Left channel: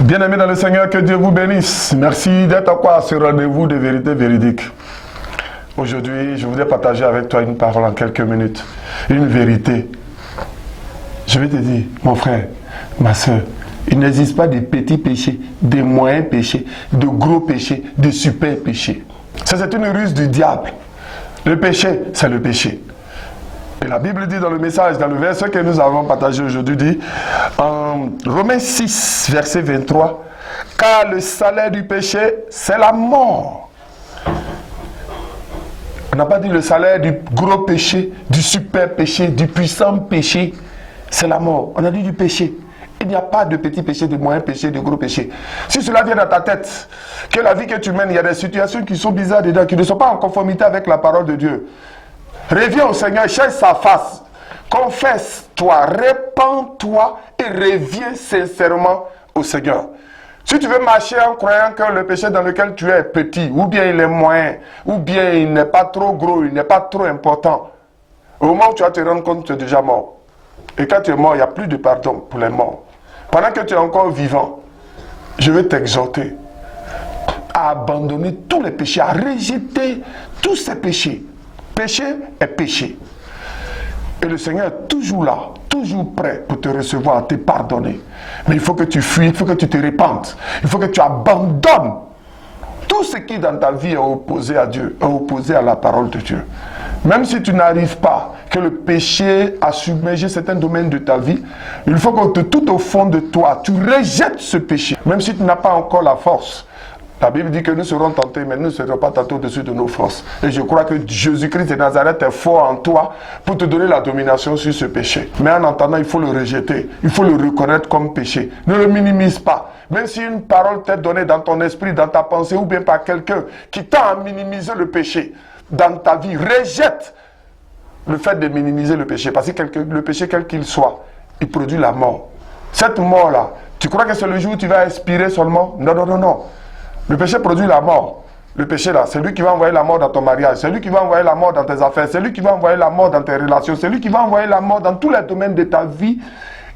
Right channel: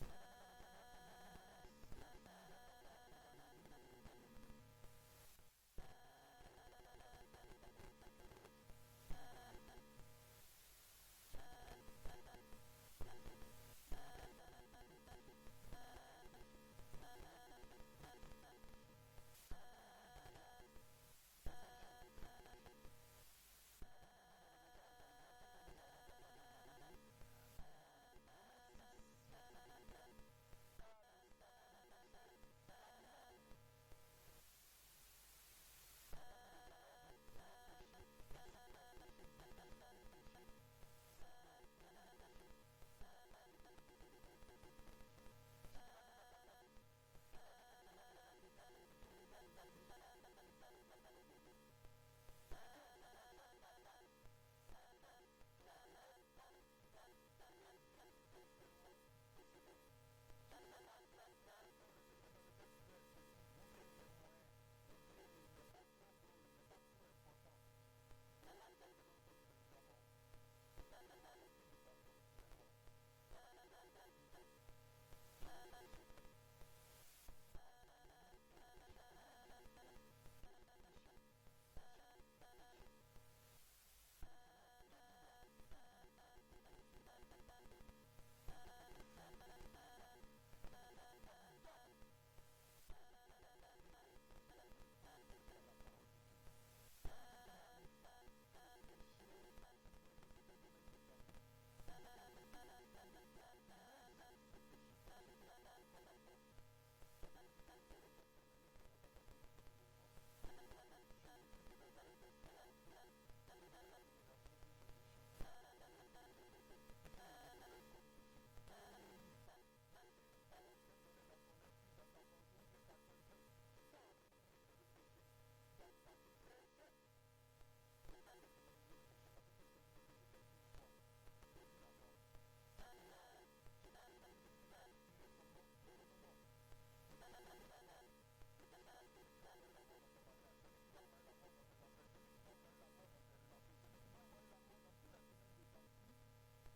Bien-aimés dans le Seigneur, que Dieu vous bénisse. Merci d'être encore à ce rendez-vous de vérité véridique. Aujourd'hui, je voudrais partager avec toi une parole en quelques minutes. Une vérité. Je vais te dire, mon frère, ma soeur, il n'existe pas de petits péchés, de moyens péchés, de gros péchés, de super péchés. Ça, c'est une ruse du diable. Le péché, c'est le péché. Et la Bible dit dans le message, dans le verset que nous avons partagé aujourd'hui, dit en Romains 6, verset 23, « Car le salaire du péché, c'est la mort. » On n'a pas dit le salaire du gros péché, du super péché, du puissant péché, c'est la mort. On a dit du péché. Il n'y a pas de petit péché, de moyen péché, de gros péché. Si cela vient dans ta tête, que la vie que tu mènes, il y a des situations qui sont bizarres dedans, qui ne sont pas en conformité avec la parole de Dieu. Reviens au Seigneur, cherche sa face, confesse-toi, répands-toi et reviens sincèrement au Seigneur. Si tu veux marcher en croyant que le péché dans lequel tu es est petit, ou bien il est moyen, ou bien il n'est pas trop gros, il n'est pas trop important, au moment où tu vas te rendre compte que tu es déjà mort. Et quand tu es mort, il n'y a plus de pardon pour les morts. Pendant que tu es encore vivant, je vais t'exhorter à abandonner tous les péchés, à rejeter tous ces péchés. Péché est péché. Et le Seigneur est toujours là, toujours prêt pour te recevoir, te pardonner. Mais il faut que tu fuis, il faut que tu te répandes. Il faut que tu abandonnes tout ce qui dans ta vie est opposé à Dieu, est opposé à la parole de Dieu. Même si tu n'arrives pas, que le péché a submergé certains domaines de ta vie, il faut que tout au fond de toi, tu rejettes ce péché. Même si tu n'as pas encore la force. La Bible dit que nous serons tentés, mais nous ne serons pas tentés au-dessus de nos forces. Et je crois que Jésus-Christ de Nazareth est fort en toi pour te donner la domination sur ce péché. Mais en entendant, il faut le rejeter. Il faut le reconnaître comme péché. Ne le minimise pas. Même si une parole t'est donnée dans ton esprit, dans ta pensée, ou bien par quelqu'un qui t'a à minimiser le péché dans ta vie, rejette le fait de minimiser le péché. Parce que le péché, quel qu'il soit, il produit la mort. Cette mort-là, tu crois que c'est le jour où tu vas expirer seulement? Non, non, non, non. Le péché produit la mort. Le péché là, c'est lui qui va envoyer la mort dans ton mariage, c'est lui qui va envoyer la mort dans tes affaires, c'est lui qui va envoyer la mort dans tes relations, c'est lui qui va envoyer la mort dans tous les domaines de ta vie.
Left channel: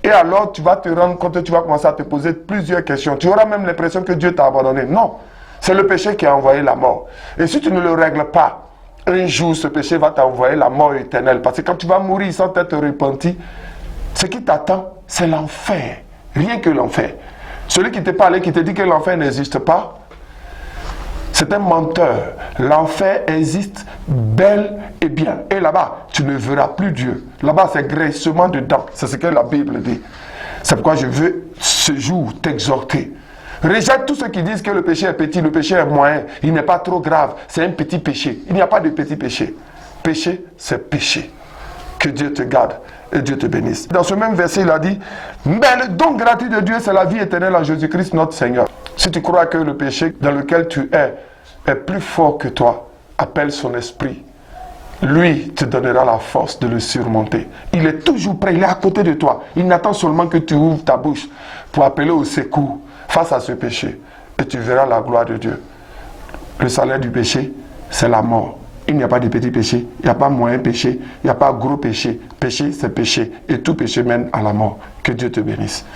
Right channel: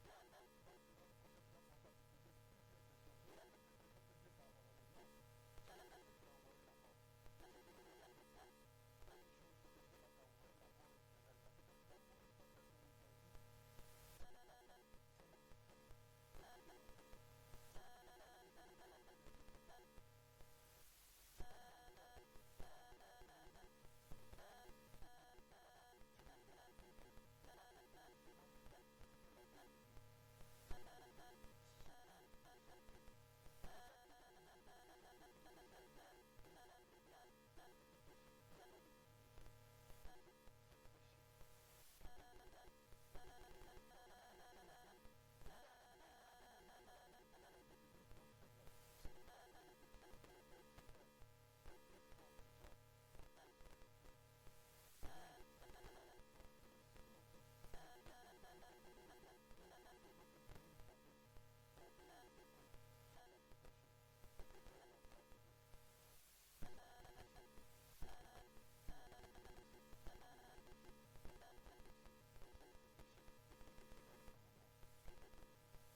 Et alors tu vas te rendre compte, tu vas commencer à te poser plusieurs questions. Tu auras même l'impression que Dieu t'a abandonné. Non, c'est le péché qui a envoyé la mort. Et si tu ne le règles pas, un jour ce péché va t'envoyer la mort éternelle. Parce que quand tu vas mourir sans t'être repenti, ce qui t'attend, c'est l'enfer. Rien que l'enfer. Celui qui te parle et qui te dit que l'enfer n'existe pas, c'est un menteur. L'enfer existe bel et bien. Et là-bas, tu ne verras plus Dieu. Là-bas, c'est graissement de dents. C'est ce que la Bible dit. C'est pourquoi je veux ce jour t'exhorter. Rejette tous ceux qui disent que le péché est petit, le péché est moyen. Il n'est pas trop grave. C'est un petit péché. Il n'y a pas de petit péché. Péché, c'est péché. Que Dieu te garde et Dieu te bénisse. Dans ce même verset, il a dit, mais le don gratuit de Dieu, c'est la vie éternelle en Jésus-Christ, notre Seigneur. Si tu crois que le péché dans lequel tu est plus fort que toi, appelle son esprit. Lui te donnera la force de le surmonter. Il est toujours prêt, il est à côté de toi. Il n'attend seulement que tu ouvres ta bouche pour appeler au secours face à ce péché. Et tu verras la gloire de Dieu. Le salaire du péché, c'est la mort. Il n'y a pas de petit péché, il n'y a pas moyen péché, il n'y a pas gros péché. Péché, c'est péché. Et tout péché mène à la mort. Que Dieu te bénisse.